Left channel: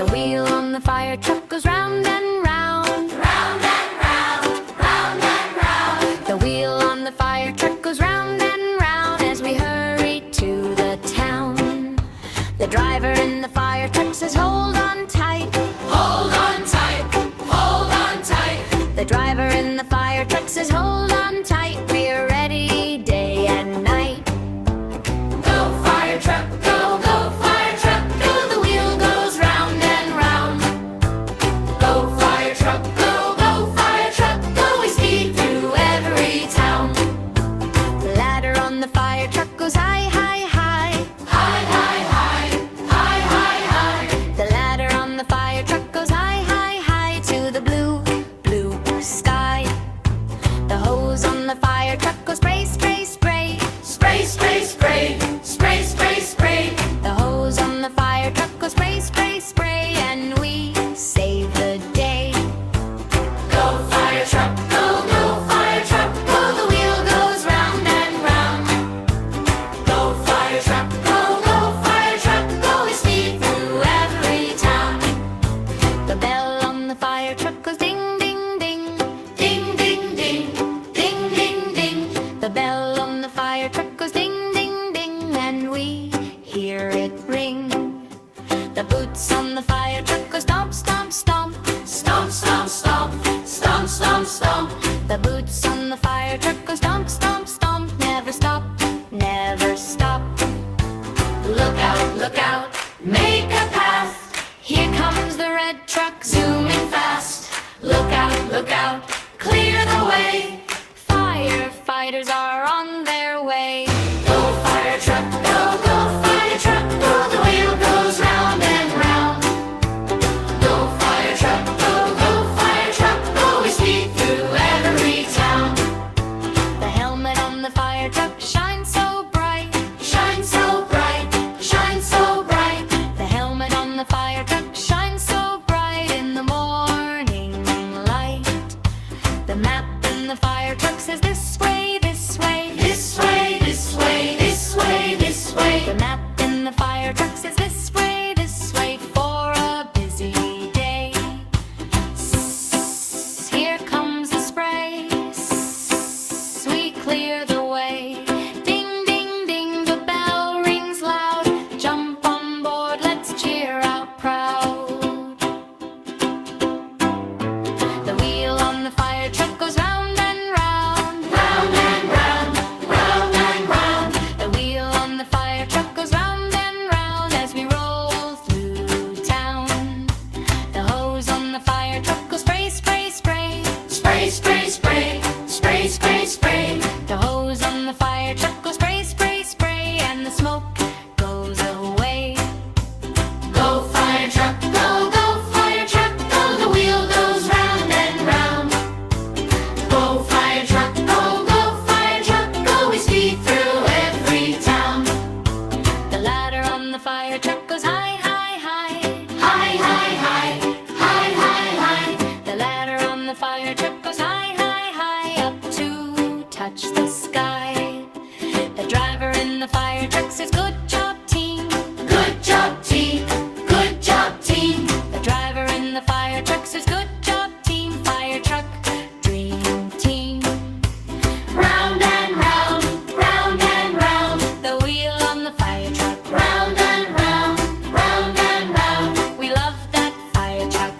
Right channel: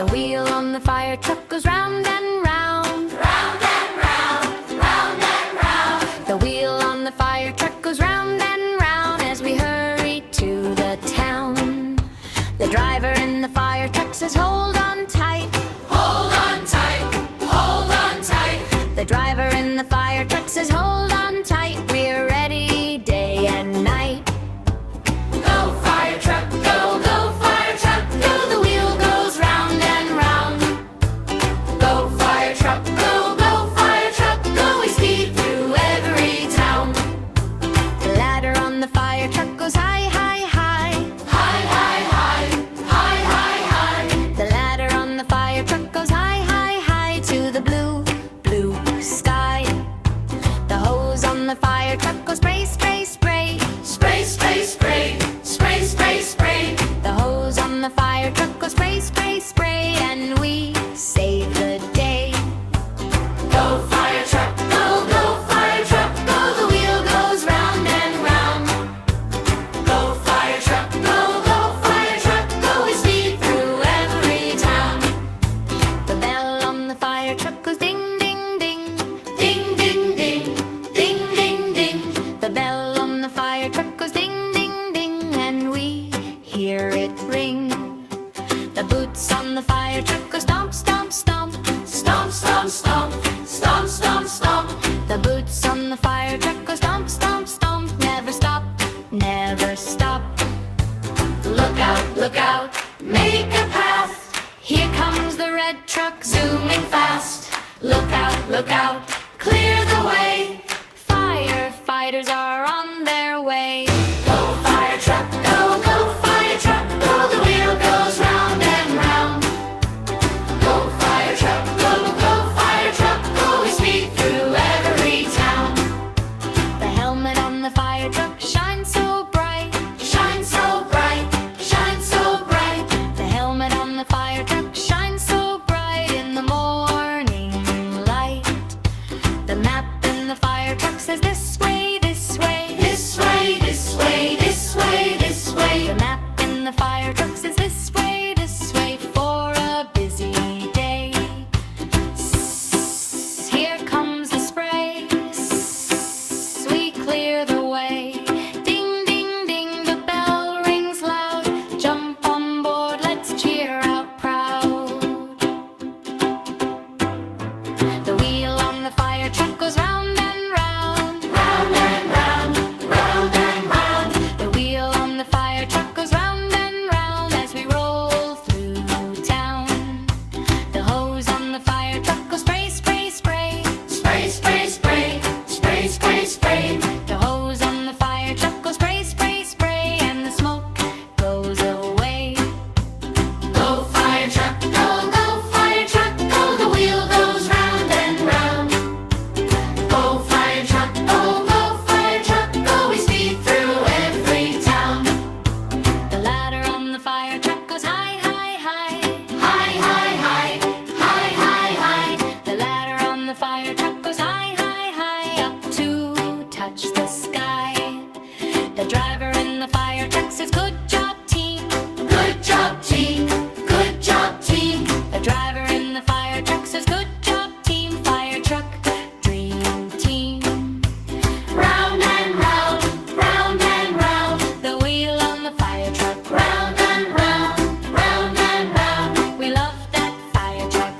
The wheel on the fire truck goes round and round. Round and round, round and round. The wheel on the fire truck goes round and round as we hurry to the town. The driver in the fire truck says, hold on tight. Hold on tight, hold on tight. The driver in the fire truck says, hold on tight. We're ready day and night. Go fire truck, go, go fire truck, go. The wheel goes round and round. Go fire truck, go, go fire truck, go. We speed through every town. The ladder on the fire truck goes high, high, high. High, high, high, high, high, high. The ladder on the fire truck goes high, high, high to the blue, blue sky. The hose on the fire truck goes spray, spray, spray. Spray, spray, spray, spray, spray, spray. The hose on the fire truck goes spray, spray, spray, and we save the day. Go fire truck, go, go fire truck, go. The wheel goes round and round. Go fire truck, go, go fire truck, go. We speed through every town. The bell on the fire truck goes ding, ding, ding. Ding, ding, ding, ding, ding, ding. The bell on the fire truck goes ding, ding, ding, and we hear it ring. The boots on the fire truck go stomp, stomp, stomp. Stomp, stomp, stomp, stomp, stomp, stomp. The boots on the fire truck go stomp, stomp, stomp. Never stop, never stop. Look out, make a path. Here comes the red truck Zooming fast. Look out, clear the way. Firefighters are on their way. Go fire truck, go, go fire truck, go. The wheel goes round and round. Go fire truck, go, go fire truck, go. We speed through every town. The helmet on the fire truck shines so bright. Shine so bright, shine so bright. The helmet on the fire truck shines so bright in the morning light. The map in the fire truck says this way, this way. This way, this way, this way, this way. The map in the fire truck says this way for a busy day. Here comes the spray. We clear the way. Ding, ding, ding, the bell rings loud. Jump on board, let's cheer out proud. The wheel on the fire truck goes round and round. Round and round, round and round. The wheel on the fire truck goes round and round as we roll through town. The hose on the fire truck goes spray, spray, spray. Spray, spray, spray, spray, spray, spray. The hose on the fire truck goes spray, spray, spray, and the smoke goes away. Go fire truck, go, go fire truck, go. The wheel goes round and round. Go fire truck, go, go fire truck, go. We speed through every town. The ladder on the fire truck goes high, high, high. High, high, high, high, high, high. The ladder on the fire truck goes high, high, high up to touch the sky. The driver in the fire truck says, good job, team. Good job, team. Good job, team. The driver in the fire truck says, good job, team. Fire truck, dream team. Round and round, round and round. The wheel on the fire truck. Round and round, round and round. We love that fire truck.